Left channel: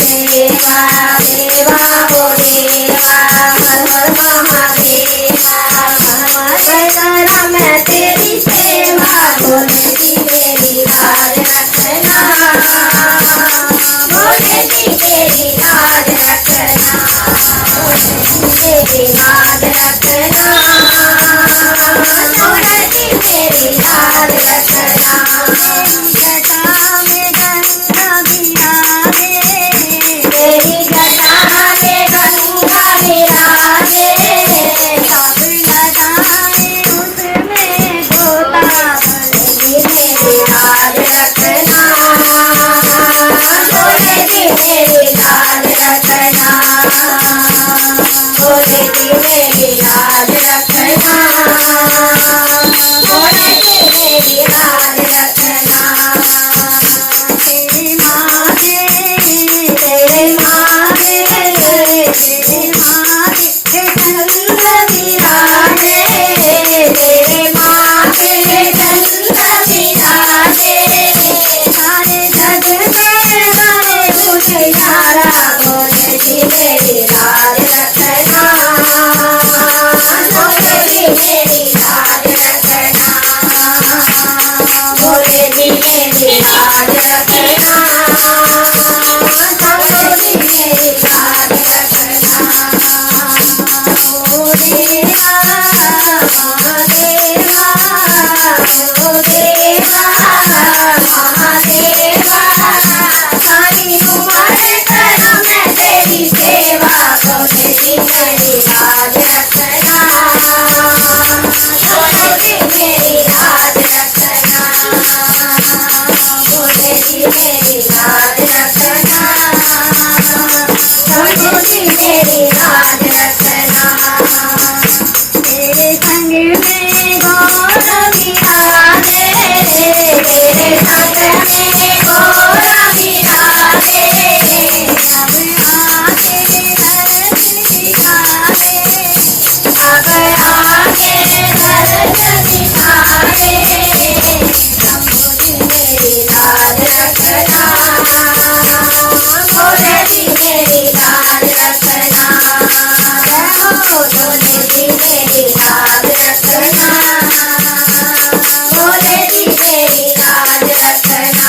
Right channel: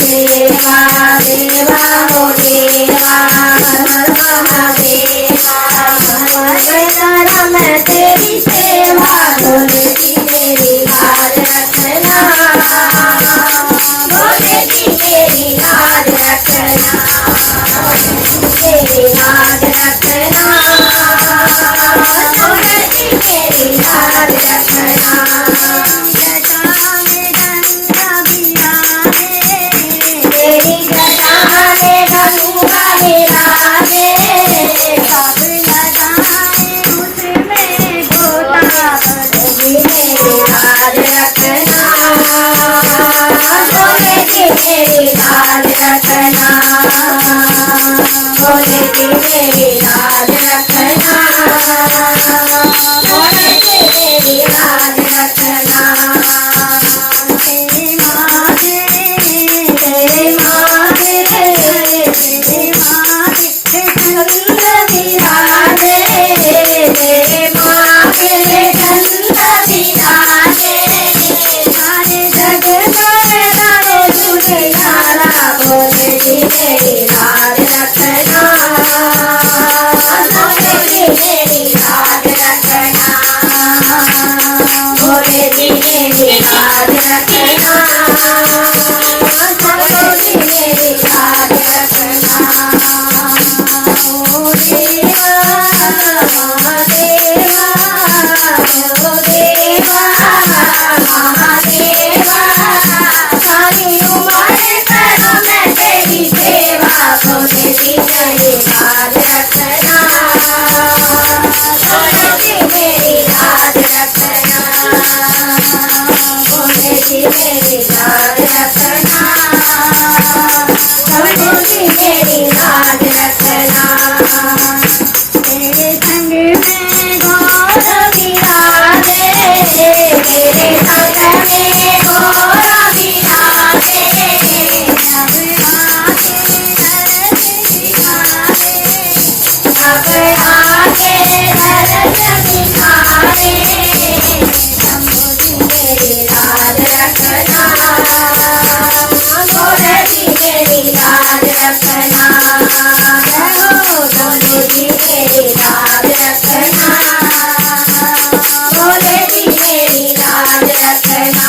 देवा देवा हो देवा महादेवा मैं तेरी सेवा बोलती मेरी लाज रखना बोलती मेरी लाज रखना मेरी लाज रखना बोलती मेरी लाज रखना तेरी जटा में गंगा विराजे मेरी लाज रखना बोलेगी मेरी लाज रखना बोलेगी मेरी लाज रखना बोलेगी मेरी लाज रखना तेरी माँ दे तेरी माँ दे तेरी माँ दे चंद विराजे तेरी माँ के चंद विराजे सारे जग में रहो तुम्हारा बोलेगी मेरी लाज रखना बोलेगी मेरी लाज रखना बोलेगी मेरी लाज रखना बोलेगी मेरी लाज रखना ओ देवा देवा ओ देवा महादेवा सारी उम्र करूं मैं तेरी सेवा बोलेगी मेरी लाज रखना बोलेगी मेरी लाज रखना बोलेगी मेरी लाज रखना बोलेगी मेरी लाज रखना तेरे संग में गौर विराजे तेरे संग में गौर विराजे अब आके दर्द दिखावे अब आके दर्द दिखावे बोलेगी मेरी लाज रखना बोलेगी मेरी लाज रखना बोलेगी मेरी लाज रखना बोलेगी मेरी लाज रखना